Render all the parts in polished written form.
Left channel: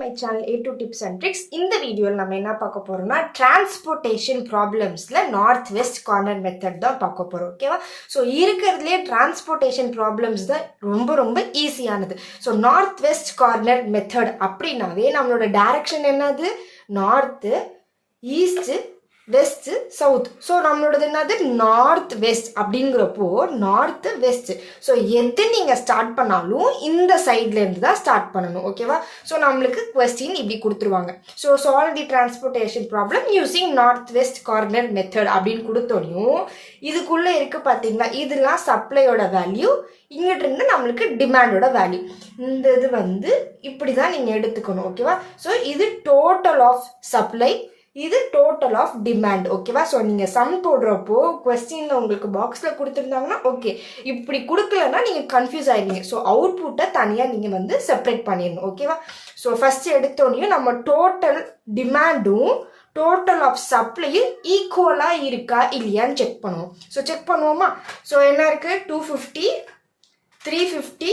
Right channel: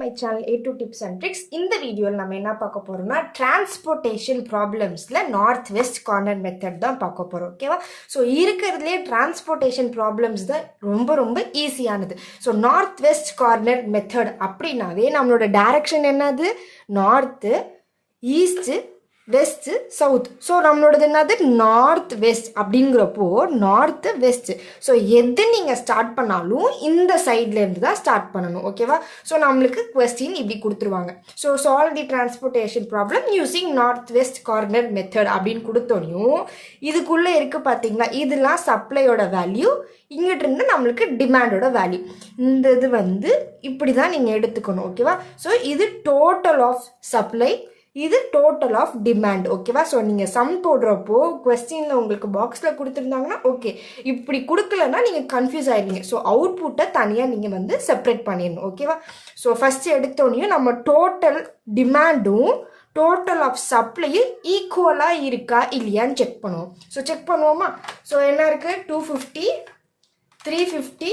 My channel A2 Tips and Tricks. இந்த வீடியோவில் நம்ம என்ன பார்க்க போறோம்னா டிரான்ஸ்போர்ட்டேஷன் ப்ராப்ளம்ஸ்ல நார்த் வெஸ்ட் கார்னர் மெத்தட் தான் பார்க்க போறோம். ஓகேவா? ஸோ இருக்கிறதுலே டிரான்ஸ்போர்ட்டேஷன் ப்ராப்ளம்ஸ் தான் ரொம்ப ஈஸியானது. So north west corner method அப்படின்னாவே நம்மளோட டைரக்ஷன் என்னது? North, east, west, south. So நம்மளோடது என்னது? North west. அப்படிங்கிறப்போ நார்த் வெஸ்ட். ஸோ எது நீங்கள் ஸ்டார்ட் பண்ணாலும் இந்த சைட்லேருந்து தான் ஸ்டார்ட் பண்ணணும். ஓகேவா? ஸோ நம்மளுக்கு கொஸ்டின் இப்படி கொடுத்துருவாங்க. ஸோ சால்வ் தி transportation problem using north west corner method அப்படின்னு கொடுத்தோடையும் இதுக்குள்ளே இருக்குது பார்த்தீங்களா, இதெல்லாம் சப்ளையோட வேல்யூ, இங்கிட்ட இருந்து நம்மளுக்கு டிமாண்டோட வேல்யூ. இந்த இது இப்படி தான் நீங்கள் எடுத்துக்கணும். ஓகேவா? ஸோ இது டோட்டல் ஆஃப் சப்ளை, இது டோட்டல் ஆஃப் டிமாண்ட். ஓகேவா? ஸோ நீங்கள் சம் போடுறப்போ கொஸ்டினில் உங்களுக்கு பாக்ஸில் கொடுத்துருந்தாங்கன்னா ஓகே, இப்படி கொடுக்கலன்னா நீங்கள் கன்ஃபியூஸ் ஆகிடுவீங்க. ஸோ அவுட்புட்டை தனியாக நீங்கள் செப்பரேட் பண்ணிடணும். ஓகேவா? ஸோ ஃபஸ்ட்டு எடுத்தோடனையும் நம்ம டோட்டல் டிமாண்டும் டோட்டல் ஆஃப் சப்ளையும் ஈக்குவலாக இருக்கா இல்லையான்னு செக் பண்ணுவோம். ஸோ செக் பண்ணுவோமா? ஸோ என்ன இருக்குது? 250, 350,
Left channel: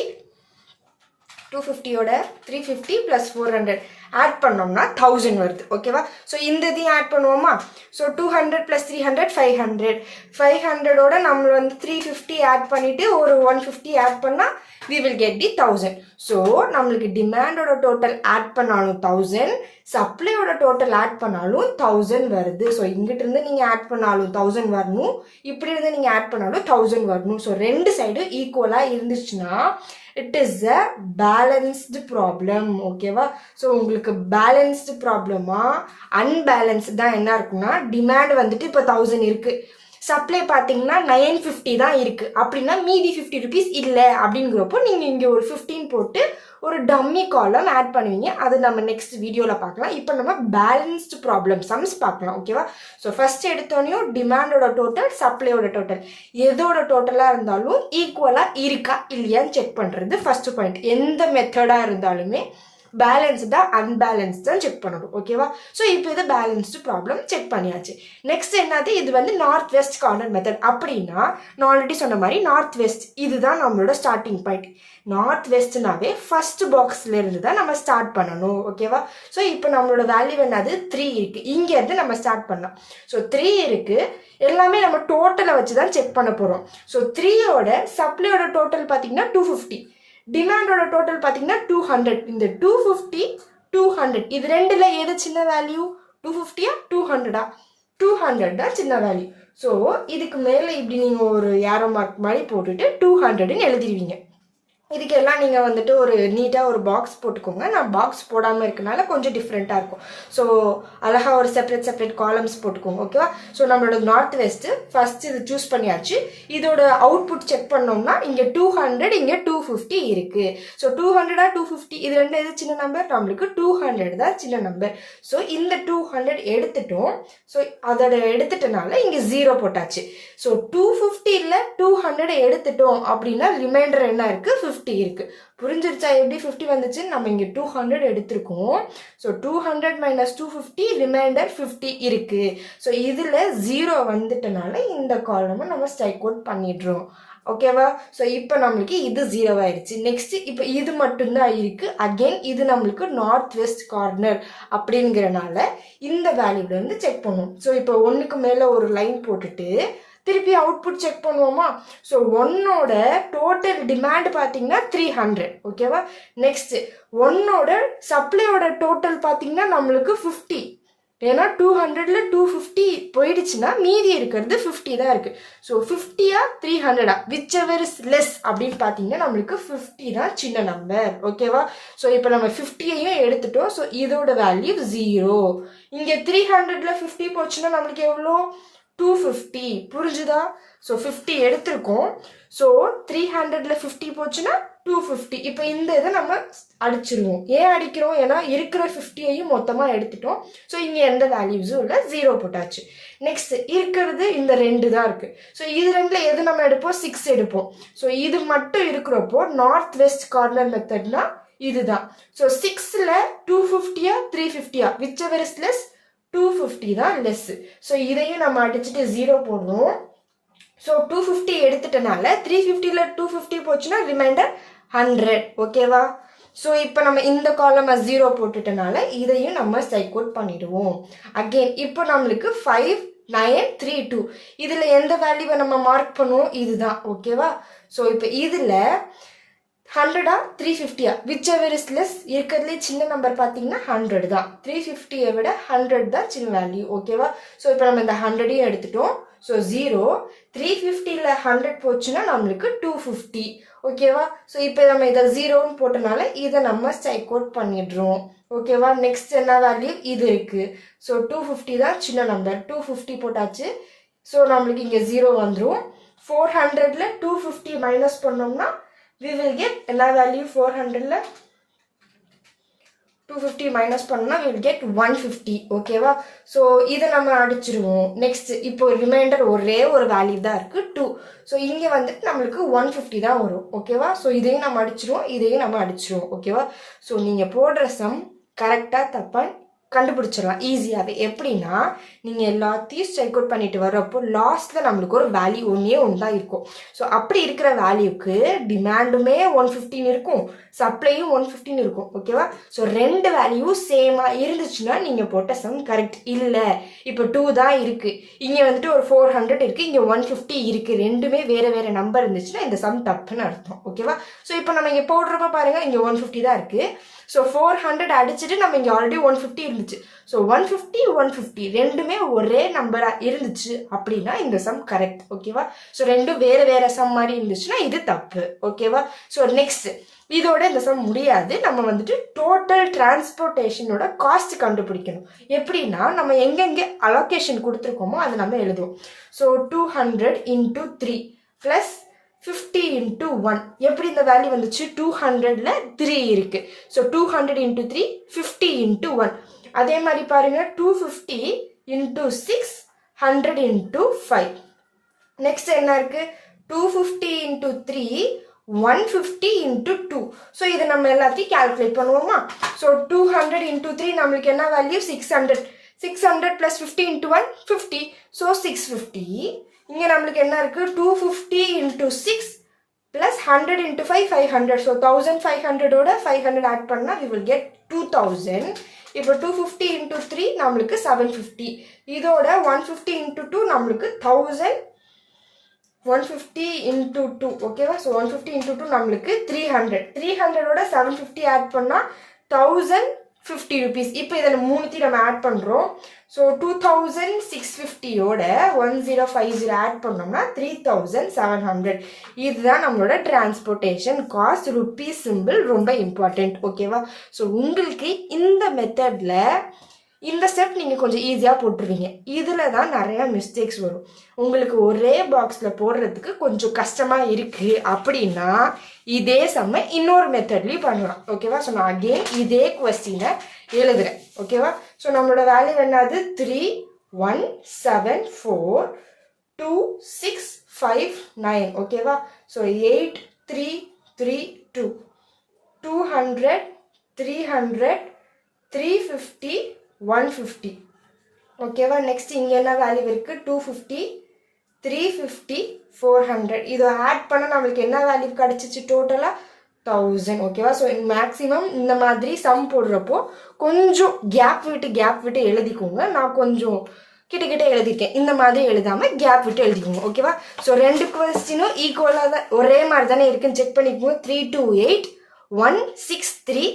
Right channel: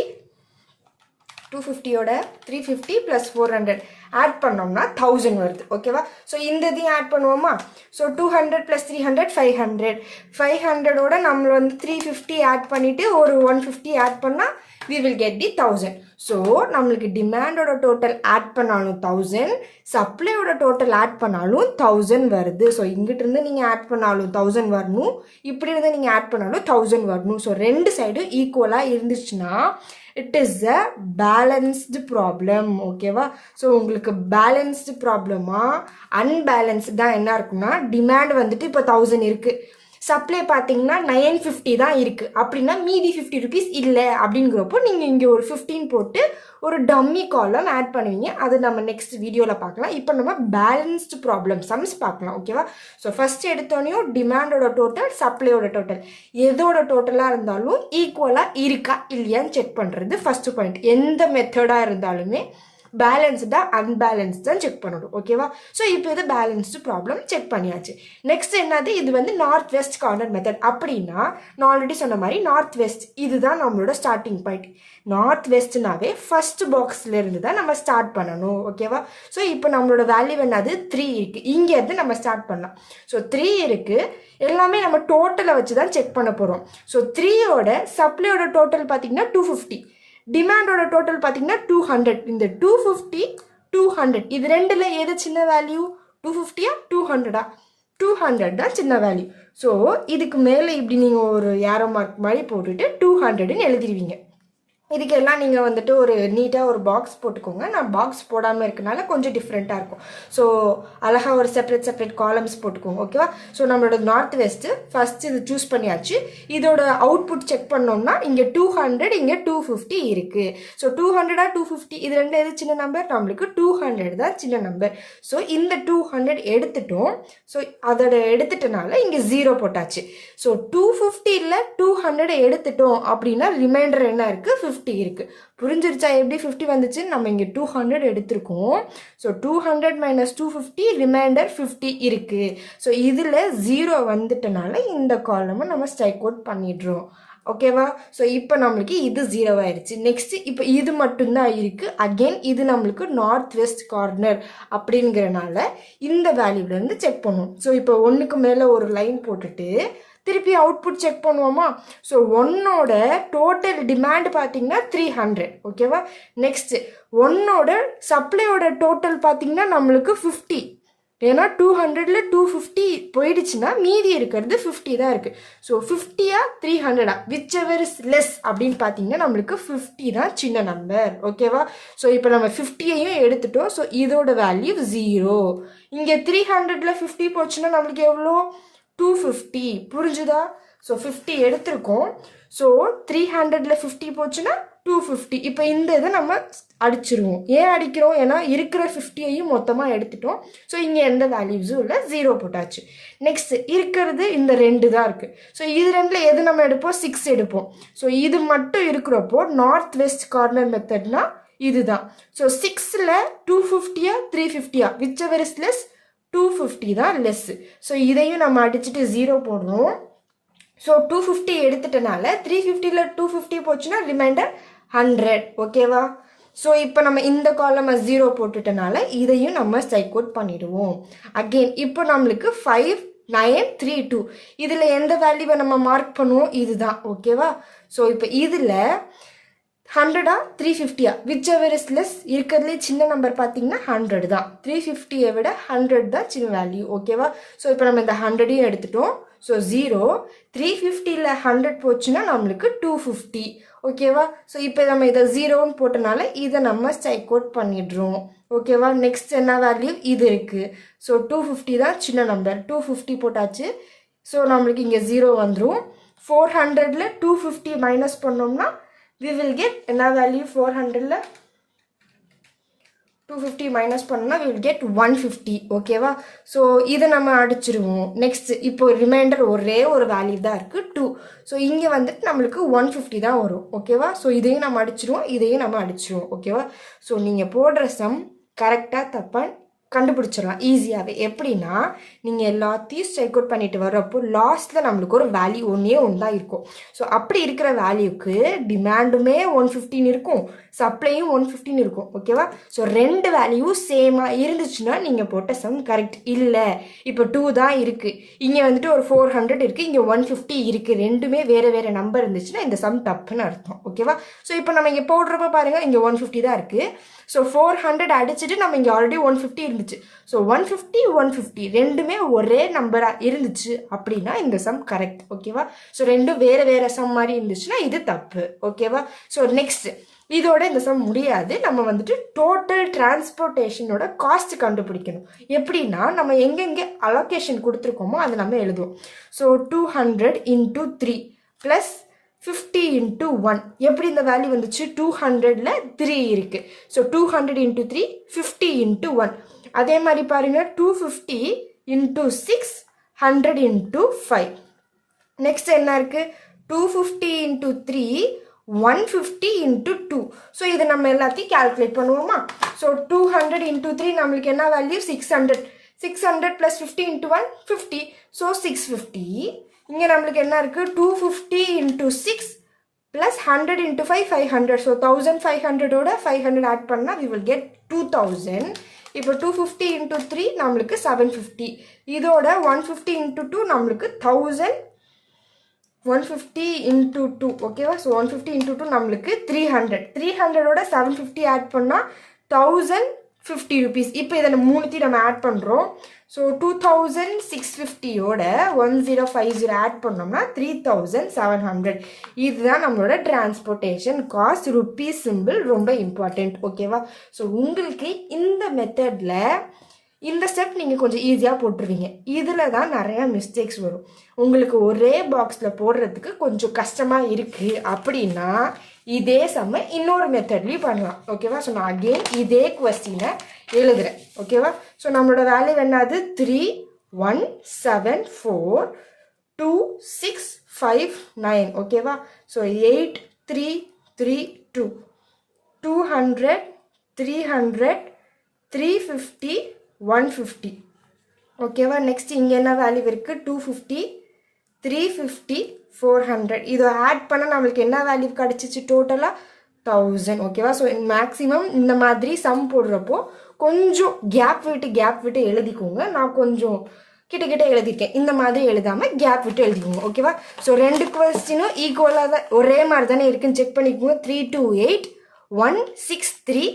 250யோட 350 + 400 ஆட் பண்ணோம்னா 1000 வருது. ஓகேவா? ஸோ இந்த இதையும் ஆட் பண்ணுவோமா? ஸோ 200 + 300 500. 500ஓட நம்ம 350 ஆட் பண்ணிவிட்டு ஒரு 150 ஆட் பண்ணால் we will get the 1000. So நம்மளுக்கு டிமாண்டோட டோட்டல் ஆட் பண்ணாலும் 1000, சப்ளையோட டோட்டல் ஆட் பண்ணாலும் 1000 வருது. ஸோ இங்கிட்ட இருந்து நீங்கள் ஆட் பண்ணாலும் 1000 வரணும், இப்படி இருந்து நீங்கள் ஆட் பண்ணாலும் 1000 வரணும். ஸோ ரெண்டு சைடும் ஈக்குவலாக இருந்துச்சுன்னா it is a balanced problem. ஓகேவா? ஸோ உங்களுக்கு பேலன்ஸ்டு ப்ராப்ளமா அன்பேலன்ஸ்டு தான் என்ன இருக்குன்னா, டிமாண்ட் இப்போ 1000 இருக்குது, சப்ளை பார்த்தீங்கன்னா 950 தான் இருக்குது, அப்படின்னா மீதி 50 ருபீஸ் இல்லை. அப்படிங்கிறப்போ நீங்கள் இங்கே ஒரு 15 போட்டு ஒரு டம்மி காலம் ஆட் பண்ணுவீங்க. அது நம்ம நெக்ஸ்ட் வீடியோவில் பார்க்கலாம். இப்போ நம்ம பேலன்ஸ்டு ப்ராப்ளம் சம்ஸ் பார்க்கலாம். ஓகேவா? ஸோ ஃபர்ஸ்ட் எடுத்தோடனையும் டிமாண்டோட டோட்டல், சப்ளையோட டோட்டல், எதோட டோட்டலாக இருந்தாலும் ஈக்குவலாக இருக்கா இல்லையான்னு செக் பண்ணுறது ஃபர்ஸ்ட் பாயிண்ட். எந்த மெத்தடாக இருந்தாலுமே பேலன்ஸ்டா அன்பேலன்ஸ்டா செக் பண்ணணும். ஓகேவா? ஸோ இப்போ இது பேலன்ஸ்டு ப்ராப்ளம் செக் பண்ணியாச்சு. நெக்ஸ்ட் என்னது? இது நார்த் வெஸ்ட் கார்னர் மெத்தட். அப்படின்னா நான் ஆல்ரெடி சொன்ன மாதிரி நார்த் வெஸ்ட் இதுதான் நம்மளோட ஸ்டார்டிங் பாயிண்ட். நார்த் வெஸ்ட்னாவே ஃபர்ஸ்ட் பாக்ஸ்ல இருந்து தான் நம்ம ஸ்டார்ட் பண்ணணும். ஓகேவா? ஸோ இப்போ நம்மளோட வேல்யூ என்னது? 3 இருக்கு. இங்கேருந்து நம்ம ஸ்டார்ட் பண்ணலாம். ஸோ 3 இருக்கு. எல்லாமே நம்ம டோட்டலை வச்சு தான் செக் பண்ண போகிறோம். ஸோ 3யோட சப்ளையோட டோட்டல் பார்த்தீங்கன்னா 250, டிமாண்டோட டோட்டல் பார்த்தீங்கன்னா 200. இந்த 250, 200 இது ரெண்டுல எது சின்ன வேல்யூ? 250-ஆ 200-ஆ? 200 தான் சின்ன வேல்யூ. ஸோ இதுக்கு மேலே இப்படி நீங்கள் ஒரு ஏரோ மார்க் மாதிரி போட்டுட்டு 200ன்னு எழுதிடுவீங்க. இதுக்கெல்லாம் நீங்கள் ஒரு நீட்டாக ஒரு பாக்ஸ் போட்டுக்கோங்க. நான் பாக்ஸ் போடாமல் இருக்கனால கொஞ்சம் டிஃப்ரெண்ட்டாக இருக்கும். ஸோ அழகாக ஒரு செப்பரேட் காலம்ஸ் போட்டுக்கோங்க. ஓகேவா? ஸோ நம்மளோட நார்த் வெஸ்ட்டு ஃபர்ஸ்ட் இது சூஸ் பண்ணியாச்சு. இதோட அவுட்புட் செக் பண்ணோம்னா இங்கே 200, இங்கே 250 இருக்குது. ஸோ 200-ஆ 250 இது ரெண்டு எது சின்ன நம்பர்? நம்மளுக்கு 200 தான் சின்ன நம்பர். ஸோ இந்த 200 எடுத்துட்டோம். ஸோ அதோட எடுத்துட்டனால இங்கே 0 போட்டாச்சு. ஸோ 250-ல் 200 எடுத்துட்டோம் அப்படின்னா ரிமைண்டர் என்ன இருக்குது? 50 இருக்கு. புரிஞ்சிருச்சா எப்படி 50 வந்துச்சு? நம்ம இங்க 200 எடுத்திருக்கோம். ஸோ 200 - 250 ரிமைண்டர் 50 இருக்கு. ஸோ இதுல 0 வந்துட்டனால இந்த காலமை நம்ம ஸ்ட்ரைக் அவுட் பண்ணிடுறோம். ஓகேவா? ஸோ இப்போ நம்மளுக்கு இது 0 ஆயிடுச்சு. நெக்ஸ்ட் இப்போ இது மட்டும்தான் இருக்கு. அகெயின் இது நம்மளுக்கு நார்த் வெஸ்ட் கார்னர் அப்படிங்கிறனால இந்த வேல்யூல இருந்து செக் பண்ணுவோம். ஸோ இப்போ 1க்கு மேல ஒரு லைன் போட்டுட்டு திருப்பி அவுட்புட் செக் பண்ணுவோமா? ஸோ 1ஓட டோட்டல் டிமாண்ட் பார்த்தீங்கன்னா 300. ஓகேவா? நெக்ஸ்ட் 1ஓட சப்ளையோட டோட்டல் பார்த்தீங்கன்னா நம்மளுக்கு 50. ஏன்னா 200ல் 250 போயிடுச்சுன்னா மீதி இருக்கிறது 50 தான் இருக்கு. ஸோ 50-ஆ 300-ஆ விச் எவர் இஸ் லெஸ் அப்படின்னு பார்த்தீங்கன்னா நம்மளுக்கு 50 தான் சின்ன நம்பர். ஓகேவா? ஸோ இப்போ நம்ம 50-ஐயும் எடுத்துட்டோம். ஸோ இதோட வேல்யூ 0. இங்கே 300ல் 50 போச்சுன்னா நம்மளுக்கு எவ்வளோ? 250. புரிஞ்சுதா? ஸோ 50 எடுத்திருக்கோம். ஸோ 300ல் 50 போச்சுன்னா 250. இப்போ இந்த இதை நம்ம அடிச்சிருவோம். ஏன் அடிக்கிறோம்? ஏன்னா இருக்கிற 50-ஐயும் மொத்தமாக எடுத்துட்டோம். ஸோ இங்கே எந்த வேல்யூஸும் இல்லை, 0 போட்டாச்சு. நெக்ஸ்ட் இருக்கிறது இந்த 2 தான் இருக்குது. ஸோ இது ரெண்டில் எது நம்ம எடுப்போம்? 6 எடுப்போம். ஸோ இது மட்டும் இருக்கிறப்போ நார்த் வெஸ்ட் கார்னர் மெத்தட்னா இதுதான். ஸோ 6ல் 250-ஆ 350-ஆ விச் எவர் இஸ் லெஸ்? 250 தான் லெஸ். ஸோ இதையும் நம்ம அடிச்சுட்டு 0 போடுவோம். ஸோ 250 எடுத்துட்டனால 350ல் 250 போச்சுன்னா ரிமைண்டர் 100. ஓகேவா? ஸோ இப்போ நம்ம இந்த காலம் 0 போட்டுட்டனால இதையும் நம்ம ஸ்ட்ரைக் அவுட் பண்ணிடுவோம். அகெயின் இப்போ நம்மளுக்கு 5 9 3 2 இதில் எந்த வேல்யூவை நம்ம மார்க் பண்ணுவோம், இதுதான். ஓகேவா? ஸோ இப்போ இதில் 100 350 விச் எவர் இஸ் லெஸ், இருக்கிறதுலே சின்ன நம்பர் பார்த்தீங்கன்னா 100 தான். 350 விட 100 தான் சின்ன வேல்யூ. ஓகேவா? ஸோ இப்போ நம்ம இந்த 100ஐயும் எடுத்துட்டோம். ஸோ 0 350ல் 100 போச்சுன்னா நம்மளுக்கு 250. ஓகேவா? ஸோ இப்போ நம்ம இதை 0ன்னு போட்டனால இதை நம்ம ஸ்ட்ரைக் அவுட் பண்ணிடுறோம். ஓகேவா? நெக்ஸ்ட் என்ன வேல்யூ இது இருக்கு. ஸோ 250 தான் சின்ன நம்பர். 250 போட்டாச்சு. ஸோ நம்மளுக்கு இங்கே 0 வந்துடும். 400ல் 250 மைனஸ் பண்ணோம்னா we will get என்ன வேல்யூ, 400ல் 250 மைனஸ் பண்ணோம்னா we will get 150. ஓகேவா? ஸோ இதை நம்ம அடிச்சிருவோம். நெக்ஸ்ட் இப்போ ரிமைண்டர் ஒரே ஒரு வேல்யூ தான் இருக்கு 2. ஸோ இங்கே வந்துட்டு நம்மளுக்கு 150 தான் வரும். ஓகேவா? ஸோ இதையும் நம்ம அடிச்சிருவோம், இதையும் நம்ம அடிச்சிருவோம். ஓகேவா? ஸோ நீங்கள் போடுற சம் கரெக்டாக தப்பாக கண்டுபிடிச்சிடலாம் ஈஸியாகவே. எப்படின்னா நீங்கள் எல்லாத்தையும் ஸ்ட்ரைக் அவுட் பண்ணிட்டு வர்றப்போ லாஸ்ட்டில் நம்மளுக்கு ஒரு வேல்யூ ஒன்று தான் இருக்கும். ஸோ அப்படி இருக்கிற வேல்யூக்கு டிமாண்டுமே 115 இருக்கும், சப்ளையும் 115 இருக்கும். ஓகேவா? ஸோ ரெண்டு வேல்யூ சேமாக இருந்துச்சுன்னா நீங்கள் போட்ட சம் கரெக்ட். இல்லை இப்போ 2 தான் இருக்குது, இங்கே வந்துட்டு ஒரு 400 இருக்குது, இங்கே 150 இருக்குது, ரெண்டுமே வேறு வேறு நம்பர் இருந்துச்சுன்னா இந்த சம் தப்புன்னு அர்த்தம். ஓகேவா? ஸோ இப்போ நம்ம இங்கே போடுறப்ப பாருங்கள், இங்கே 150 தான் இருக்குது. ஸோ 400 அடிச்சுட்டு நம்ம இங்கே ஆல்ரெடி 150 இருந்துச்சு. ஸோ 150 150 ரெண்டுமே ஒரே நம்பராக இருந்துச்சு அப்படின்னா இந்த சம் கரெக்ட். ஓகேவா? ஸோ ரெண்டும் வேறு வேறு சம் மாதிரி இருந்துச்சுன்னா இது தப்பு. ஓகேவா? ஸோ நெக்ஸ்ட் இதோட இந்த சம் முடியாது. நம்ம வந்துட்டு டோட்டல் டிரான்ஸ்போர்ட்டேஷனோட காஸ்ட் கண்டுபிடிக்கணும். எப்படின்னா நம்ம எங்கெங்கே அலோகேஷன் கொடுத்துருக்கோமோ அதை நம்ம எழுதுவோம். So 200 × 3 plus 50 × 1. எப்படி இந்த வேல்யூ வந்துச்சு, 200ல் 3 இருக்கு. ஸோ 200 × 3 50 × 1. அதே மாதிரி பாருங்க 250 × 6 100 × 5. நெக்ஸ்ட் என்ன இருக்கு, 250 × 3 150 × 2. ஸோ இதை நம்ம எல்லாத்தையும் கால்குலேட் பண்ணுவோமா. ஸோ 200 × 3 நம்மளுக்கு என்ன வேல்யூ, 600. 600 + 50 × 1 50. ஸோ 650. இங்கே நம்மளுக்கு என்ன இருக்குது, 250 × 6 ப்ளஸ் 100 × 5 500. ஸோ 1500ஓட 500 ஆட் பண்ணால் we will get 2000. இப்போ 250 × 3 நம்மளுக்கு 750. இதோட 150 × 2 நம்மளுக்கு 1000. 150 × 2. ஓகேவா? ஸோ 150 × 2 நம்மளுக்கு 300. 300ஓட 750 ஆட் பண்ணால் 1050 rupees. இப்போ இதில் மூணுத்தையும் நம்ம ஆட் பண்ணுறோம். ஸோ 2650ஓட 1050 ஆட் பண்ணோம்னா 3700. இதுதான் நம்மளோட டிரான்ஸ்போர்ட்டேஷன் காஸ்ட். ருப்பீஸ் சிம்பிள் ரொம்ப இம்பார்ட்டண்ட். ஓகேவா? ஸோ உங்களுக்கு இந்த மெத்தடில் இந்த ஸ்டெப் நீங்கள் கொஞ்சம் ஈஸியாக போட்டுருவீங்க. இதில் தான் நிறையா மிஸ்டேக்ஸ் வரும். உங்களுக்கு ஒரே பாக்ஸில் போடுறதுக்கு கொஞ்சம் கஷ்டமாக இருக்குது அப்படின்னா இதே சம்ம இன்னொரு மெத்தட்லேயும் பண்ணலாம். ஓகேவா? ஸோ நான் அகெயின் இதே கொஸ்டினை எழுதுகிறேன். ஓகேவா? ஸோ நம்மளோட வேல்யூ என்னது, 3 1 7 4 2 6 5 9. ஓகேவா? ஸோ 8 3 3 2 200 300 350 150. ஓகேவா? நெக்ஸ்ட் இங்கே என்ன வேல்யூ இருக்குது, 250 350 400. இதை ஆட் பண்ண நம்மளுக்கு என்ன வேல்யூ கிடச்சிச்சு, டோட்டலாக 1000. ஓகேவா? ஸோ மேக்ஸிமம் இந்த மாதிரி சம் போடுறப்போ கொஞ்சம் கேப் விட்டு எழுதிக்கோங்க. நான் கொஞ்சம் கிட்ட எழுதிருக்கேன், இந்த மாதிரி எழுதாமல் கேப் விட்டு எழுதிக்கோங்க. ஓகேவா? ஸோ ரெண்டு கொஸ்டினும் ஈக்குவலாக தான் ஒரே மாதிரி தானே இருக்குன்னு செக் பண்ணிக்கோங்க. 328 163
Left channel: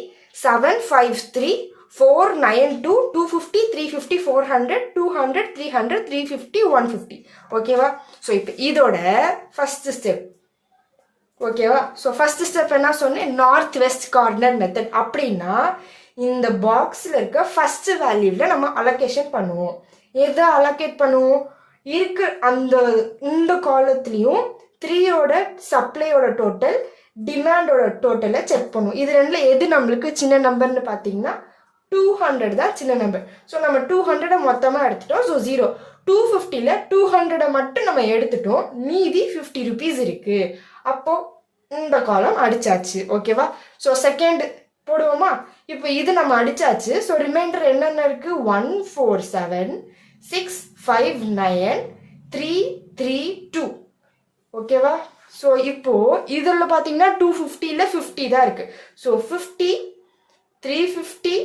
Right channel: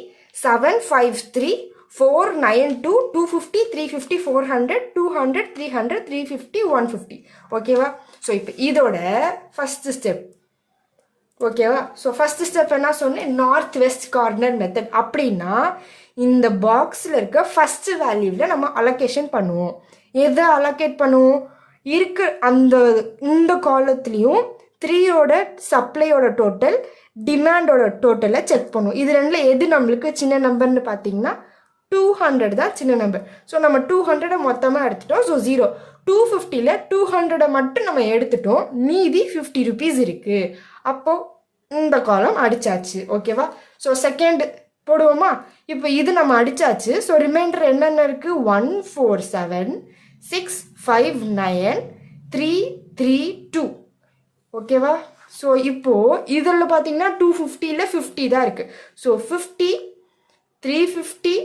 753 492 250 350 400 200 300 350 150. ஓகேவா? ஸோ இப்போ இதோட ஃபர்ஸ்ட் ஸ்டெப். ஓகேவா? ஸோ ஃபர்ஸ்ட் ஸ்டெப் என்ன சொன்னேன், நார்த் வெஸ்ட் கார்னர் மெத்தட். அப்படின்னா இந்த பாக்ஸில் இருக்க ஃபர்ஸ்ட் வேல்யூவில் நம்ம அலோகேஷன் பண்ணுவோம். எதை அலோகேட் பண்ணுவோம், இருக்கு அந்த இந்த காலத்துலேயும் 3யோட சப்ளையோட டோட்டல் டிமாண்டோட டோட்டலை செக் பண்ணுவோம். இது ரெண்டில் எது நம்மளுக்கு சின்ன நம்பர்னு பார்த்தீங்கன்னா 200 தான் சின்ன நம்பர். ஸோ நம்ம 200 மொத்தமாக எடுத்துட்டோம். ஸோ 0. 250ல் 200 மட்டும் நம்ம எடுத்துட்டோம், மீதி 50 rupees இருக்குது. அப்போது இந்த காலம் அடிச்சாச்சு. ஓகேவா? ஸோ செகண்ட் போடுவோமா. இப்போ இது நம்ம அடிச்சாச்சு. ஸோ ரிமைண்டர் என்னென்ன இருக்குது, 147 659 332. ஓகேவா? ஸோ இப்போது இதில் பார்த்தீங்கன்னா 250ல் 50 தான் இருக்குது. ஸோ 50, 350,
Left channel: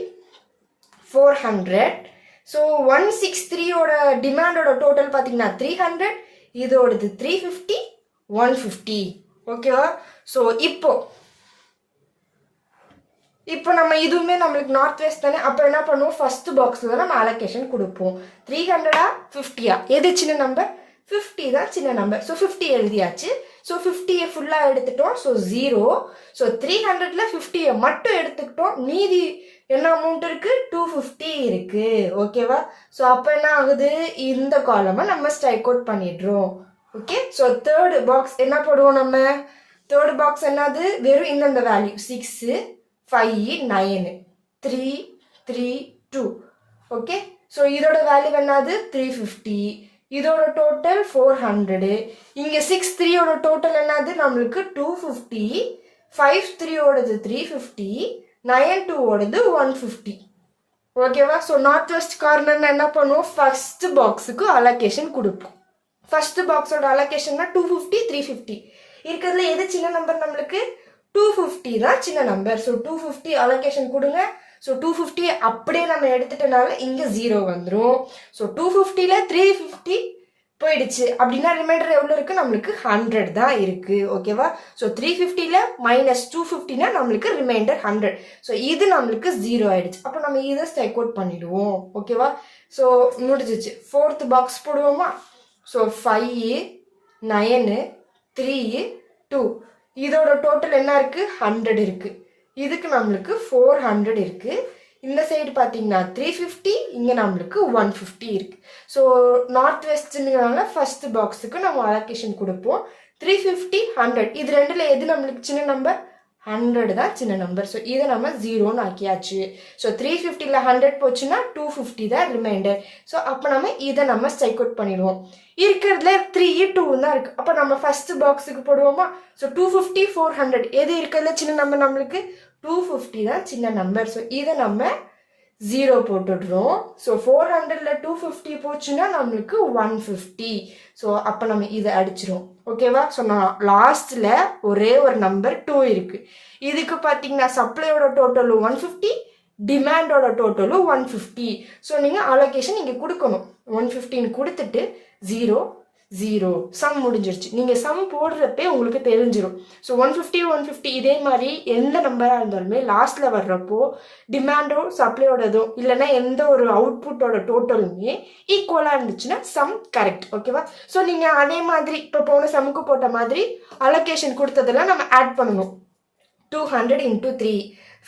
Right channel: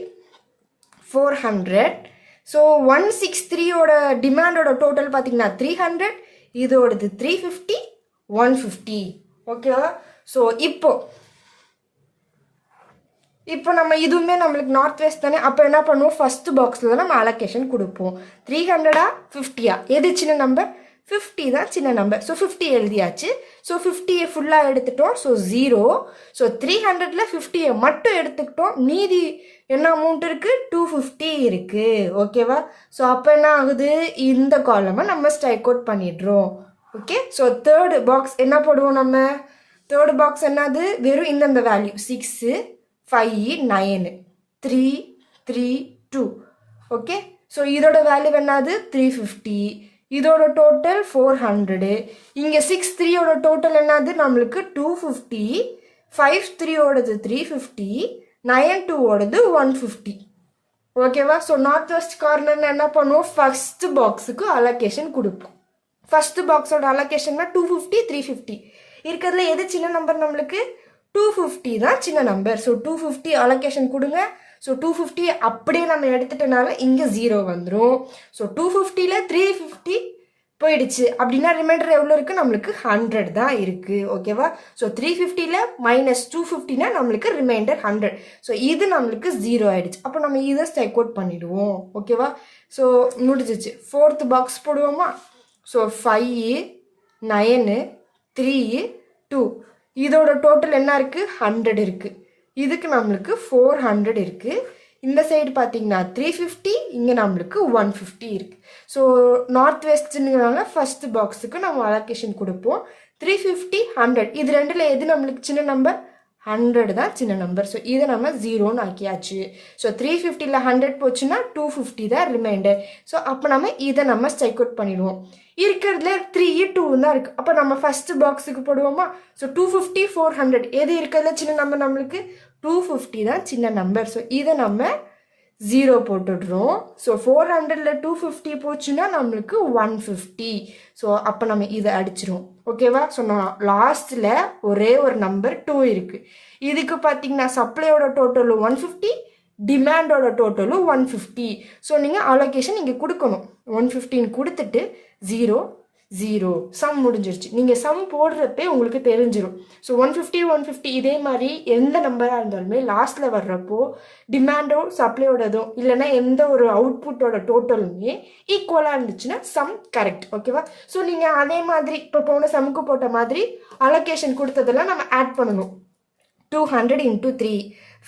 400. ஸோ 163யோட டிமாண்டோட டோட்டல் பார்த்தீங்கன்னா 300, இதோடது 350, 150. ஓகேவா? ஸோ இப்போ நம்ம இதுவுமே நம்மளுக்கு நார்த் வெஸ்ட் தானே. அப்போ என்ன பண்ணுவோம், ஃபர்ஸ்ட் பாக்ஸில் தான் நம்ம அலோகேஷன் கொடுப்போம். 300 50 எது சின்ன நம்பர்? 50 தான் சின்ன நம்பர். ஸோ 50 எழுதியாச்சு. ஸோ 50 ஃபுல்லாக எடுத்துட்டோம். ஸோ 0. ஸோ 300ல் 50 மட்டும் எடுத்துக்கிட்டோம். மீதி என்ன அமௌண்ட் இருக்குது? 250 இருக்குது. ஓகேவா? ஸோ அப்போ என்ன ஆகுது, இந்த காலமை நம்ம ஸ்ட்ரைக் அவுட் பண்ணிடுறோம். ஓகே. ஸோ தேர்டு பாக்ஸ் என்ன போடுவோம் நம்ம? தேர்டு பாக்ஸ் என்னது? வெறும் இந்தந்த வேல்யூ 6, 5, 9, 3, 3, 2. ஓகே. ஸோ இதோட வேல்யூ என்னது? 350. இதோட டோட்டல் 400. இங்கே 6, 3யோட டோட்டல் என்னது? நம்மளுக்கு 250. 5, 3யோடது 350. 9, 2ோடது 150. ஓகேவா? ஸோ நார்த் வெஸ்ட் கார்னர் என்ன பண்ணுவோம், ஃபர்ஸ்ட் பாக்ஸுக்கு அலோகேஷன் கொடுப்போம். ஃபர்ஸ்ட் பாக்ஸோட அலோகேஷன்னா 250, 350. இருக்கிறதுல எது சின்ன நம்பர்? நம்மளுக்கு 250 தான் சின்ன நம்பர். ஸோ 250 அலோகேஷன் கொடுங்க. ஸோ 250 அப்படியே நம்ம எடுத்துட்டனால இங்கே 0 வந்துடும். ஸோ 250ல் 350 போயிடுச்சு அப்படின்னா ரிமைண்டர் எவ்வளோ இருக்குது? நம்மளுக்கு 100 தான் இருக்குது. ஓகேவா? ஸோ 350ல் -250னா நம்மளுக்கு ரிமைண்டர் 100. ஸோ இது நம்மளுக்கு 0 ஆயிடுச்சு. அப்போ நம்ம இதை ஸ்ட்ரைக் அவுட் பண்ணிடுவோம். ஓகேவா? ஸோ முடிஞ்சிச்சு. ஃபோர்த் பாக்ஸ் போடுவோமா? ஸோ 5, 9, 3, 2. இதோட டோட்டல் என்ன இருக்குது? 100 இருக்குது. இதுக்கு நம்மளுக்கு 400 இருக்குது. இந்த சைடு பார்த்தீங்கன்னா 350, இங்கே நம்மளுக்கு 150 இருக்குது. ஸோ நார்த் வெஸ்ட்னுங்கிறனால ஃபர்ஸ்ட் பாக்ஸுக்கு நம்ம அலோகேஷன் கொடுப்போம். 350, 100 இது ரெண்டில் எது நம்மளுக்கு சின்ன நம்பர்? 100 தான் சின்ன நம்பர். ஸோ இதை நம்ம 0ன்னு ஆக்கியாச்சு. ஸோ 350ல் 100 போச்சுன்னா 250 தான் ரிமைண்டர். ஸோ அப்போ நம்ம இதை நம்ம ஸ்ட்ரைக் அவுட் பண்ணிடுவோம். இருக்கிறதுல 3, 2 தான் இருக்குது. அப்போ நம்ம ஃபர்ஸ்ட் பாக்ஸுக்கு போடுவோமா? ஸோ 250, 400 எது இருக்கிறதுல சின்ன நம்பர்? நம்மளுக்கு 250 தான் சின்ன நம்பர். ஸோ இதை நம்ம 0 போட்டுடுறோம். ஸோ 400ல் 250 போச்சுன்னா நம்மளுக்கு 150. ஸோ அப்போ நம்ம இதை அடிச்சிரும். ஓகேவா? ஸோ நான் லாஸ்ட்டில் ஒரே ஒரு நம்பர் 2 இருக்குது. இதுக்கு பார்த்தீங்கன்னா சப்ளையோட டோட்டலும் 150, டிமாண்டோட டோட்டலும் 150. ஸோ நீங்கள் அலோகேஷன் இங்கே கொடுக்கணும். 150 கொடுத்துட்டு 0, 0 சம் முடிஞ்சிருச்சு. நீங்கள் சம் போடுறப்பே உங்களுக்கு தெரிஞ்சிடும். ஸோ 150, 150 இதே மாதிரி எந்த நம்பராக இருந்தாலுமே லாஸ்ட்டில் வர்றப்போ டிமாண்டோ சப்ளையோடதோ இல்லைன்னா எந்த ஒரு அவுட்புட்டோட டோட்டலுமே ஈக்குவலாக இருந்துச்சுன்னா சம் கரெக்ட். ஓகேவா? ஸோ நீங்கள் அதே மாதிரி இப்போ போன சம்முக்கு போட்ட மாதிரி அலோகேஷன் கொடுத்ததெல்லாம் நம்ம ஆட் பண்ணணும். 200 × 3,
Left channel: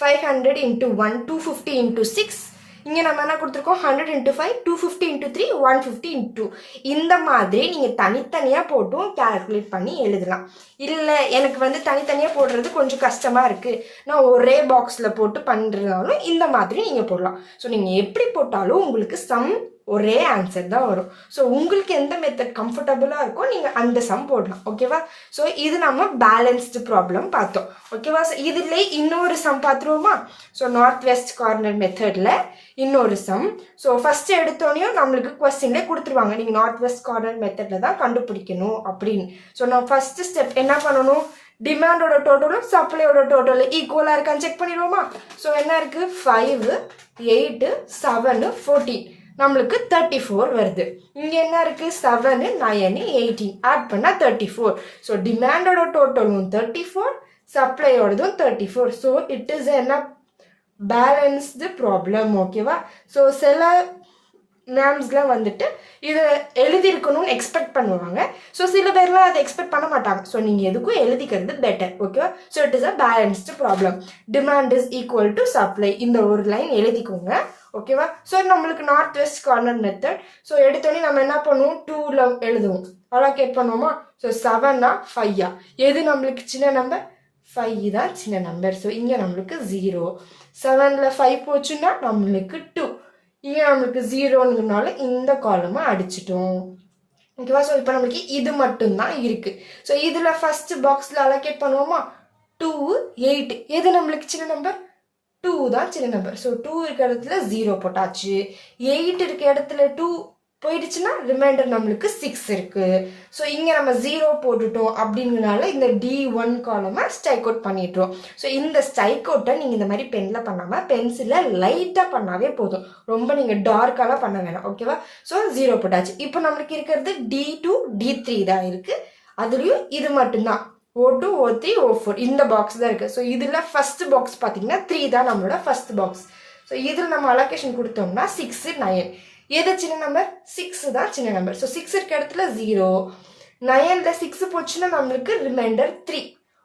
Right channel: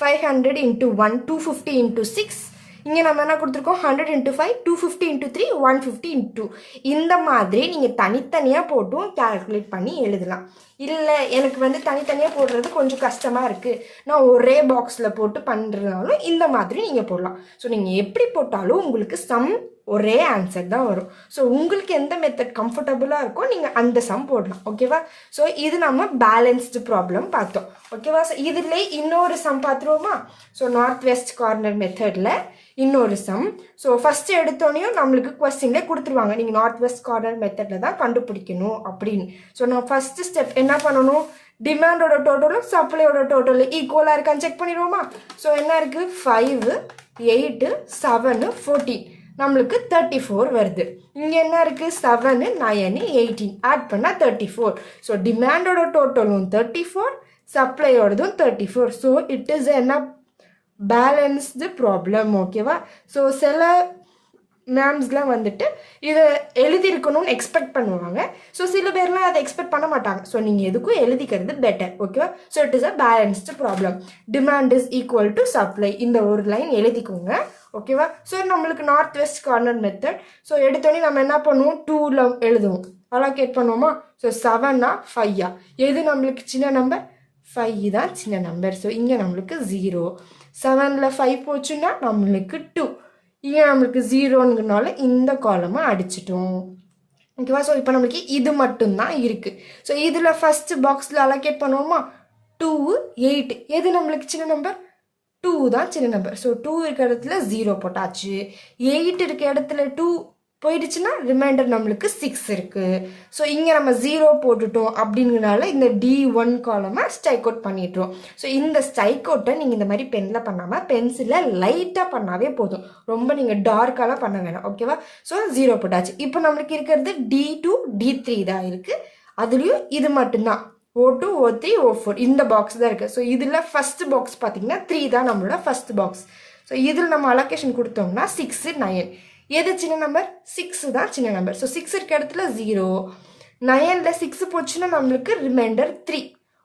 500 × 1, 250 × 6. இங்கே நம்ம என்ன கொடுத்துருக்கோம்? 100 × 5, 250 × 3, 150 × 2. இந்த மாதிரி நீங்கள் தனித்தனியாக போட்டும் கேல்குலேட் பண்ணி எழுதலாம். இல்லை எனக்கு தனித்தனியாக போடுறது கொஞ்சம் கஷ்டமாக இருக்குது, நான் ஒரே பாக்ஸில் போட்டு பண்ணுறதுனாலும் இந்த மாதிரி நீங்கள் போடலாம். ஸோ நீங்கள் எப்படி போட்டாலும் உங்களுக்கு சம் ஒரே ஆன்சர் தான் வரும். ஸோ உங்களுக்கு எந்த மெத்தட் கம்ஃபர்டபுளாக இருக்கோ நீங்கள் அந்த சம் போடலாம். ஓகேவா? ஸோ இது நம்ம பேலன்ஸ்டு ப்ராப்ளம் பார்த்தோம். ஓகேவா? ஸோ இதில் இன்னொரு சம் பார்த்துருவோமா? ஸோ நார்த் வெஸ்ட் கார்னர் மெத்தடில் இன்னொரு சம். ஸோ ஃபஸ்ட்டு எடுத்தோடனையும் நம்மளுக்கு கொஸ்டின்ல கொடுத்துருவாங்க, நீங்கள் நார்த் வெஸ்ட் கார்னர் மெத்தடில் தான் கண்டுபிடிக்கணும் அப்படின்னு. ஸோ நான் ஃபஸ்ட்டு ஸ்டெப் என்ன பண்ணணும்? டிமாண்டோட டோட்டலும் சப்ளையோட டோட்டலும் ஈக்குவலாக இருக்கான்னு செக் பண்ணிடுவோமா? ஸோ என்ன இருக்குது? 5, 8, 7, 14 நம்மளுக்கு 34 வருது. இங்கே என்ன இருக்குது? 7, 9, 18 ஆட் பண்ணால் 34. ஸோ டிமாண்டோட டோட்டலும் 34, சப்ளையோடதும் 34. ஸோ இட் இஸ் என்ன பேலன்ஸ்டு ப்ராப்ளம். ஓகேவா? ஸோ சில மேம்ஸ்லாம் இதை எழுதியிருக்கணும்னு எக்ஸ்பெக்ட் பண்ணுவாங்க. ஸோ சில பேர்லாம் அதை எக்ஸ்பெக்ட் பண்ண மாட்டாங்க. ஸோ நீங்கள் எதுக்கும் எழுதிக்கிறது பெட்டர். ஓகேவா? So it is a balanced problem. Demand is equal to supply. இந்த ஒரு லைன் எழுதிக்கோங்க. ஓகேவா? ஸோ நம்மளுக்கு north west corner method. So எடுத்தோடனே நம்ம என்ன பண்ணுவோம்? 2ல் எழுதுவோம். அலோகேட் பண்ணுவோமா? ஸோ 7 5 எது நம்மளுக்கு சின்ன நம்பர்? 5 தான் சின்ன நம்பர். ஸோ இங்கே நம்மளுக்கு 0. 7ல் 5 போச்சுன்னா நம்மளுக்கு 2. இங்கே நம்மளுக்கு 0ங்கிறனால இந்த காலமாக அடிச்சிட்டோம். ஓகேவா? ஸோ இப்போ நம்மளுக்கு இது மட்டும்தான் இருக்குது. ஸோ இதில் ஃபஸ்ட்டு பாக்ஸில் அலோகேட் பண்ணுவோமா? 2, 8 எது நம்மளுக்கு சின்ன நம்பர்? 2 தான் சின்ன நம்பர். ஸோ 2 இருக்க இடத்துல 0 போட்டாச்சு. 8 இருக்க இடத்துல 2 போயிடுச்சுன்னா ரிமைண்டர் நம்மளுக்கு 6 இருக்குது. ஸோ இங்கே நம்ம 0 போட்டுட்டோம் அப்படிங்கிறனால இந்த D1 காலமை ஸ்ட்ரைக் அவுட் பண்ணிட்டுரும். ஸோ இந்த ஸ்ட்ரைக் அவுட்டை நீங்கள் இந்த மாதிரி பெனில் பண்ணாமல் பென்சிலில் லைட்டாக பண்ணாவே போதும், ரொம்ப நீங்கள் டார்க்காலாம் பண்ண வேணாம். ஓகேவா? ஸோ 0 போட்டாச்சு. இப்போ நம்மளுக்கு இருக்கிறது D2 D3 தான் இருக்குது. அதுலேயும் இது மட்டும்தான் O2 O3 O4 இந்த பாக்ஸ் தான் இருக்குது. ஸோ இதில் ஃபஸ்ட் பாக்ஸ் பார்த்தீங்கன்னா 3 தான் நம்மளோட ஃபஸ்ட் பாக்ஸ். ஸோ இதில் நம்ம அலோகேஷன் கொடுத்தோம்னா 6 9 எது சின்ன நம்பர்? 6 தான் சின்ன நம்பர். ஸோ 6 இருக்க இடத்துல 0, 9ல் 6 போச்சுன்னா நம்மளுக்கு ரிமைண்டர் 3.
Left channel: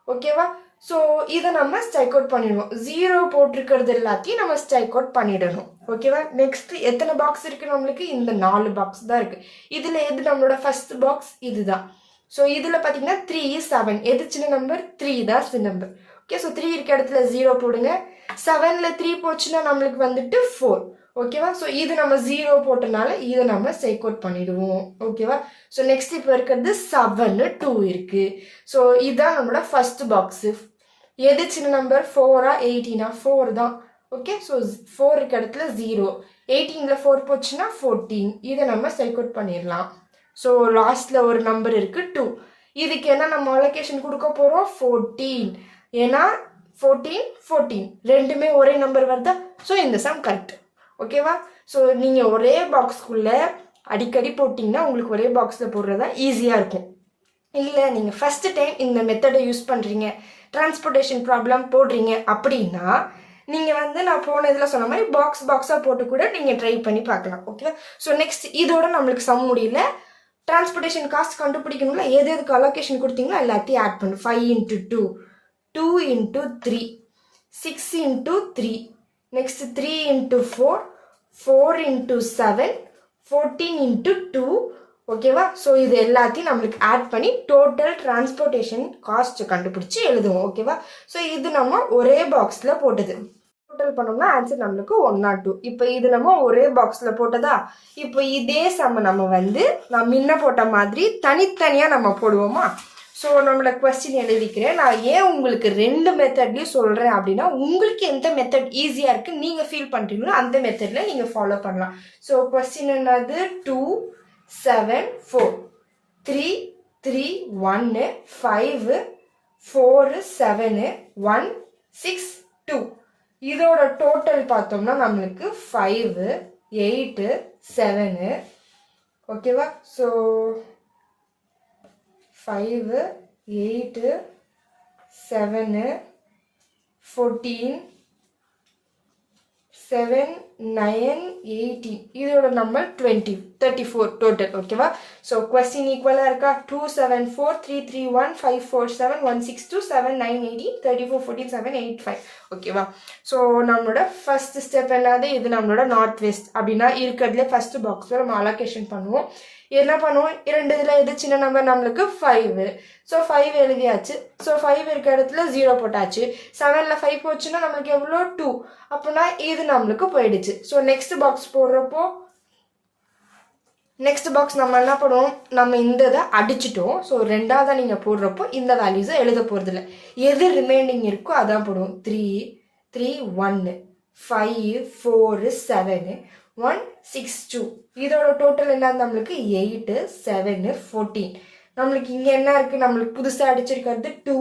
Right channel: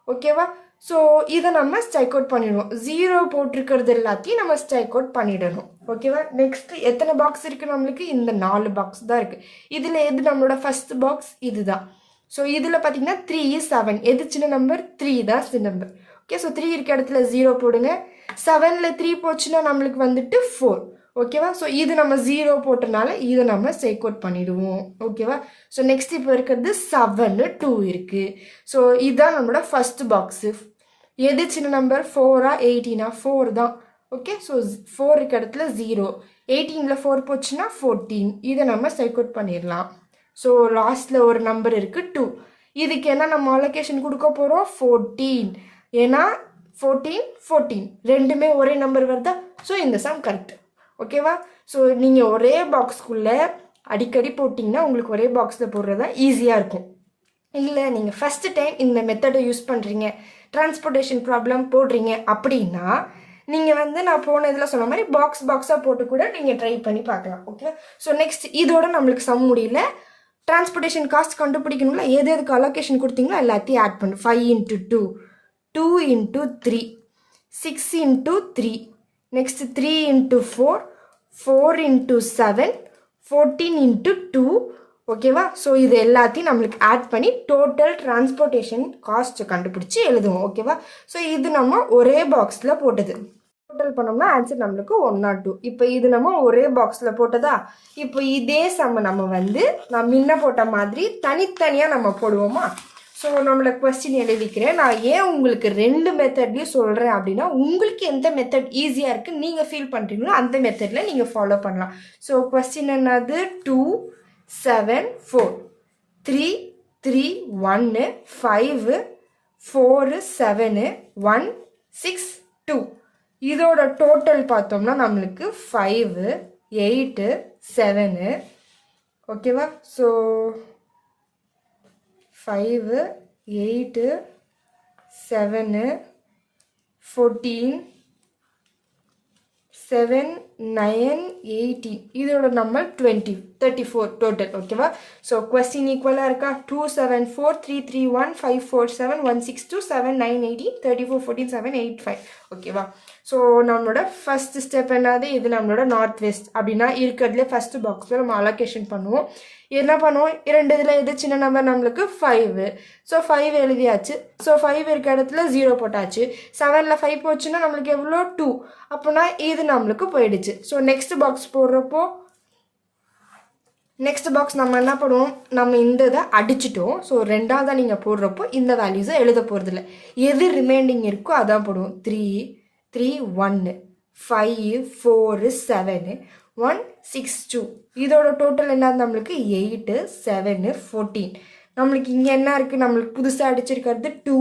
ஓகேவா? ஸோ இதை நம்ம ஸ்ட்ரைக் அவுட் பண்ணிடுவோம். 0 போட்டிருக்கிறது எல்லாத்தையும் நம்ம ஸ்ட்ரைக் அவுட் பண்ணிடணும். ஓகேவா? நெக்ஸ்ட் எத்தனை பாக்ஸ் இருக்குது நம்மளுக்கு? இந்த 4 பாக்ஸ் தான் இருக்குது. இதில் எது நம்மளோட ஃபர்ஸ்ட் பாக்ஸ்? இதுதான். ஸோ இதில் பார்த்தீங்கன்னா 3 7 எது சின்ன நம்பர்? 3 தான் சின்ன நம்பர். ஓகே, ஸோ 3 இருக்க இடத்துல 0 போடுங்க. 7ல் 3 போச்சுன்னா நம்மளுக்கு வந்துட்டு 4. ஓகேவா? ஸோ இது நம்ம 0 போட்டனால இதை நம்ம ஸ்ட்ரைக் அவுட் பண்ணிடுவோம். ஓகேவா? ஸோ நெக்ஸ்ட் இப்போ இருக்கிறது 7 2 இருக்குது. ஸோ இதுதான் நம்மளோட ஃபர்ஸ்ட் பாக்ஸு. எது சின்ன நம்பர்? 4 18 4 தான். ஓகே, ஸோ 4 இருக்க இடத்துல 0, 18ல் 4 போச்சுன்னா 14. இதை நம்ம ஸ்ட்ரைக் அவுட் பண்ணிடலாம். ஸோ லாஸ்ட்டில் ஒரு நம்பர் இருக்குது 2. இதுக்கு என்ன நம்ம அலோகேஷன் கொடுக்க போகிறோம்? 14. ஏன்னா 14 14 ரெண்டுமே ஒரே நம்பர் வருதா? ஸோ இந்த சம் கரெக்ட். ஓகேவா? ஸோ நீங்கள் ஒரே பாக்ஸ்க்குள்ளே அடிக்கடி போட்டிங்கன்னா உங்களுக்கு ஒரே பாக்ஸில் போடுறதா ஈஸியாக இருக்கும். இல்லை நீங்கள் ஃபஸ்ட்டு டைம் இந்த மெத்தடை யூஸ் பண்ணுறீங்க, டிரான்ஸ்போர்ட்டேஷன் ப்ராப்ளம் போடுறீங்க அப்படின்னா நீங்கள் நான் போன இதில் சொன்ன மாதிரி பாக்ஸாக போட்டு கூட நீங்கள் ட்ரை பண்ணி பார்க்கலாம். ஓகேவா? ஸோ நெக்ஸ்ட் இதோட நம்மளுக்கு சம் முடியல. டிரான்ஸ்போர்ட்டேஷன் காஸ்ட் கண்டுபிடிக்கணும்ல, எது எதுக்கு அலோகேஷன் கொடுத்தீங்களோ எல்லாத்தையும் ஆட் பண்ணு. 5 × 2, 2 × 3, 6 × 3, next 3 × 4, 4 × 7, 14 × 2. ஓகேவா? ஸோ இது எல்லாத்தையும் நம்மளுக்கு ஆட் பண்ணி டோட்டல் டிரான்ஸ்போர்ட்டேஷன் காஸ்ட் கண்டுபிடிச்சி எழுதுவோம். ஓகேவா? ஸோ இது நம்ம ஒரே பாக்ஸில் போட்டது. டோட்டல் பண்ணோம்னா ஆன்சர் நம்மளுக்கு 102. இப்போ இது நம்ம ஒரே பாக்ஸில் போட்டதா? இப்போ இதே சம்ம நம்ம நான் முன்ன போட்ட மாதிரி தனித்தனியாக நம்ம போடுவோமா? ஸோ நம்மளை கொஸ்டின் எழுதிக்கிறேன். நான் ஏன் உங்களுக்கு 2 மெத்தட்லையும் சொல்கிறேன் அப்படின்னா உங்களுக்கு எந்த மெத்தட் ஈஸியாக இருக்குது நீங்கள் ஃபீல் பண்ணுறீங்களோ அந்த மெத்தடில் நீங்கள் ஃபாலோ பண்ணலாம். ஸோ கொஸ்டின் என்னது? 2 7 4 3 3 1 5 4 7 1 6 2. இதோட டோட்டல் பார்த்தோம்னா நம்மளுக்கு 5 8 7. ஓகேவா? ஸோ 5 8 7 14 7 9 18. இதோட நம்பர் 20 34 டோட்டல். ஓகேவா? ஸோ கொஸ்டின் ஈக்குவலாக இருக்கா? 2 7 4 3 3 1 5 4 7 1 6 2 7 9 18 34 14 7 8 5. ஓகேவா? ஸோ நம்மளோட ஃபர்ஸ்ட் ஸ்டெப் என்னது? இது நம்மளோட நார்த் வெஸ்ட் அப்படின்னா இருக்கிறதுல ஃபர்ஸ்ட் பாக்ஸில் நம்ம அலோகேஷன் பண்ணுவோம். என்ன பண்ணுவோம்? 2 இதில் எது சின்ன நம்பர்? நம்மளுக்கு 5. ஸோ 5 எழுதியாச்சு. ஸோ 5 இருக்க இடத்துல 0 போட்டாச்சு. 7ல் 5 போச்சுன்னா நம்மளுக்கு எவ்வளோ? 2. அப்படின்னா இது நம்மளுக்கு போயிடுச்சு. ஸோ நெக்ஸ்ட் பாக்ஸ் போடுறப்போ நெக்ஸ்ட் பாக்ஸ் நம்ம என்ன பண்ணுவோம்? நம்ம இந்த இதை அடிச்சிட்டோம். ஸோ 2ஆவதாக நீங்கள் போடுறப்போ இந்த வேல்யூஸை எழுத போகிறதில்ல, எது ரிமைனிங் இருக்கோ அதான் போடுவோம். 3 3 1 5 4 7 1 6 2. இதோட டோட்டல் என்ன? நம்மளுக்கு 8 7 14. நம்மளுக்கு இங்கே என்ன இருக்குது? நம்மளுக்கு புதுசாக அடிச்சிருக்கிறது 2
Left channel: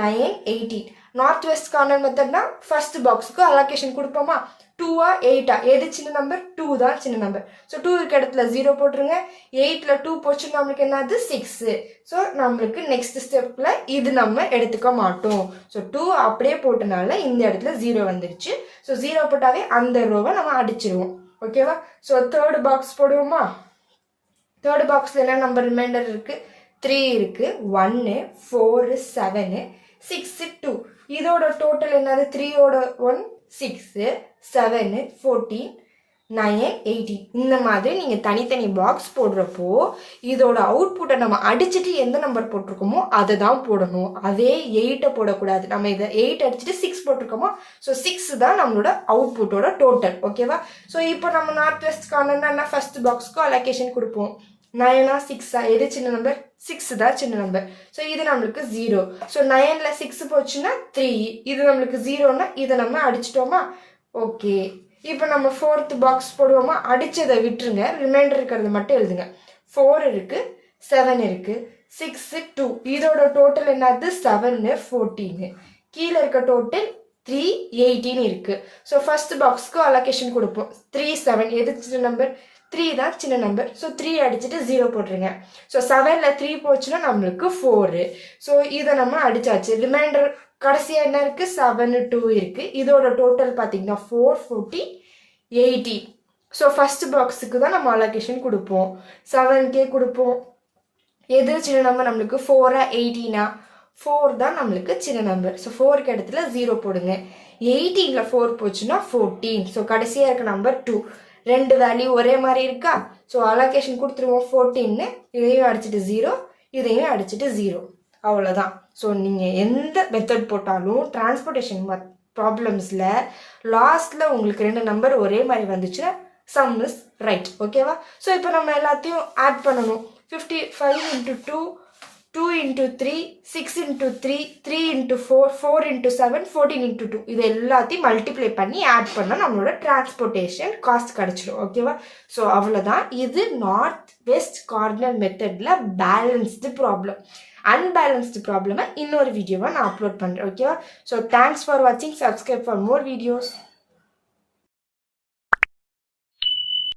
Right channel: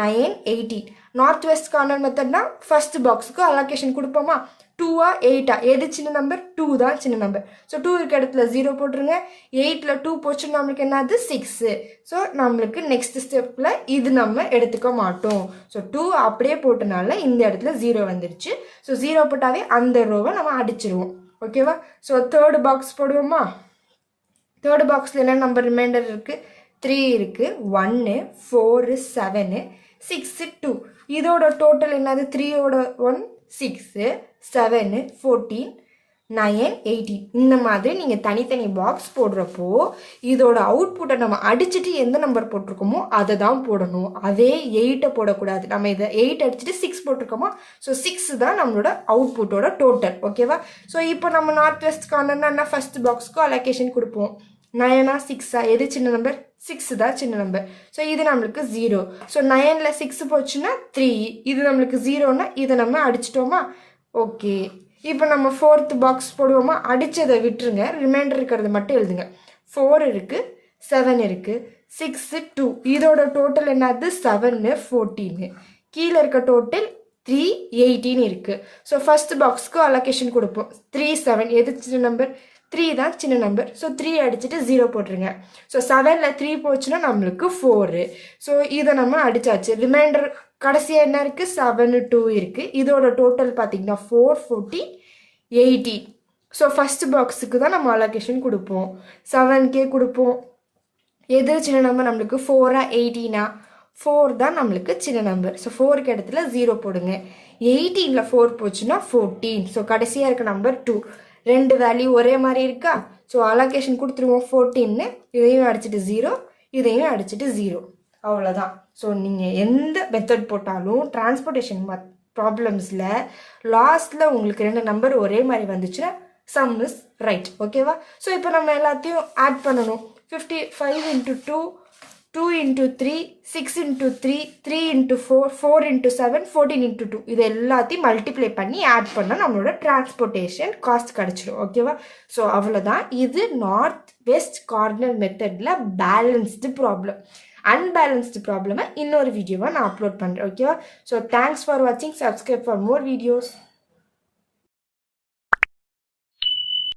9 18. நார்த் வெஸ்ட் கார்னர் மெத்தட்னா ஃபர்ஸ்ட் பாக்ஸுக்கு அலோகேஷன் கொடுப்போமா? 2 8 எது சின்ன நம்பர்? 2 தான் சின்ன நம்பர். ஸோ 2 இருக்க இடத்துல 0 போட்டுருங்க. 8ல் 2 போச்சுன்னா நம்மளுக்கு என்னது? 6. ஸோ நம்மளுக்கு நெக்ஸ்ட் ஸ்டெப்பில் இது நம்ம எடுத்துக்க மாட்டோம். ஸோ 2 அப்படியே போட்டனால இந்த இடத்துல 0 வந்துடுச்சு. ஸோ 0 போட்டாவே அந்த ரோவை நம்ம அடிச்சிருவோம். ஓகேவா? ஸோ தேர்டு பாக்ஸ் போடுவோமா? தேர்டு பாக்ஸில் என்ன நம்பர் ரிமைண்டர் இருக்குது? 3 இருக்குது, 1 4 7 6 2. இதோட டோட்டல் என்னது? 3ஓட 1 6 7 14 9 18. இந்த மாதிரி நீங்கள் தனித்தனி பாக்ஸ் போடுறப்போ இதோட அவுட்புட்டை நம்ம அடிச்சுட்டு எந்த நம்பர் போட்டிருக்கோமோ அதை தான் போடணும். அதே 8 போடக்கூடாது. நம்ம இதை 8 அடிச்சுட்டு 6 போட்டிருக்கோமோ, ஸோ 6 தான் நம்மளோட அவுட்புட்டோட டோட்டல். ஓகேவா? ஸோ இப்போ நம்ம நார்த் வெஸ்ட் கார்னர்னா என்ன? ஃபர்ஸ்ட் பாக்ஸ்க்கு அலோகேஷன் கொடுப்போம். 9 6 எது சின்ன நம்பர்? 6 தான் சின்ன நம்பர். ஸோ இது நம்மளுக்கு 0. ஸோ 9ல் 6 போச்சுன்னா 3. இது நம்மளுக்கு 0ன்னா இதை நம்ம அடிச்சிட்டோமா? ஓகே. இப்போ நம்ம ஃபோர்த் பாக்ஸ் போடுவோமா, அடித்ததை விட்டுருங்க, ரிமைண்டர் இருக்கிறது மட்டும் எழுதுங்க. 4 இருக்குது, 7 இருக்குது, 6 2, இதோட டோட்டல் என்னது 7 14, கீழே இருக்க டோட்டல் 3 18 இருக்குது. ஸோ ஃபர்ஸ்ட் பாக்ஸ்க்கு அலோகேஷன் கொடுப்போம். 3 7 எது சின்ன நம்பர், 3 தான் சின்ன நம்பர். ஸோ 3 அடிச்சுட்டு 0 போட்டுருங்க. ஸோ 7ல் 3 போச்சுன்னா நம்மளுக்கு 4. ஸோ இதை நம்ம அடிச்சாச்சு. ரிமைண்டர் கடைசியாக என்ன இருக்குது, 7 2 இருக்குது. இதோட டோட்டல் பார்த்தீங்கன்னா 4 14 18. ஸோ ஃபர்ஸ்ட் பாக்ஸுக்கு தான் நம்ம அலோகேஷன் கொடுப்போம். 7K கொடுப்போம். எது சின்ன நம்பர் நம்மளுக்கு, 4 18, 4 தான் நம்மளுக்கு சின்ன நம்பர். ஸோ 4க்கு இடத்துல 0 போடுங்க. 18ல் 4 போச்சுன்னா 14. ஸோ கடைசியாக இருக்க நம்பர் 2. ரெண்டு வேல்யூ ஒரே மாதிரி இருக்கா. ஸோ அலோகேஷன் கொடுத்துருவோம் 14, இதையும் அடிச்சுட்டு 0, இதையும் அடிச்சுட்டு 0. அவ்வளோதான். ஸோ நீங்கள் எந்த மெத்தட் போட்டாலும் டிரான்ஸ்போர்ட்டேஷன் ப்ராப்ளம்ஸில் லாஸ்ட்டில் உங்களுக்கு 2 நம்பர் ஒரே மாதிரி வந்துச்சுன்னா சம் இஸ் ரைட். ஓகேவா. ஸோ இப்போ நம்ம எல்லாத்தையும் ஆட் பண்ணணும். 55 × 2, 2 × 3, 6 × 3, 3 × 4, 4 × 7, 14 × 2. இது எல்லாத்தையும் மல்டிப்ளை பண்ணி ஆட் பண்ணால் நம்மளோட டிரான்ஸ்போர்ட்டேஷன் காஸ்ட் கிடச்சிடும். ஓகேவா. ஸோ அவ்வளோதான். இது நார்த் வெஸ்ட் கார்னர் மெத்தடில் பேலன்ஸ்டு ப்ராப்ளம். அன்பேலன்ஸ்டு ப்ராப்ளமை இன்னொரு வீடியோவை நான் அப்லோட் பண்ணுறேன். ஓகேவா. ஸோ தேங்க்ஸ் ஃபார் வாட்சிங். Subscribe for more videos.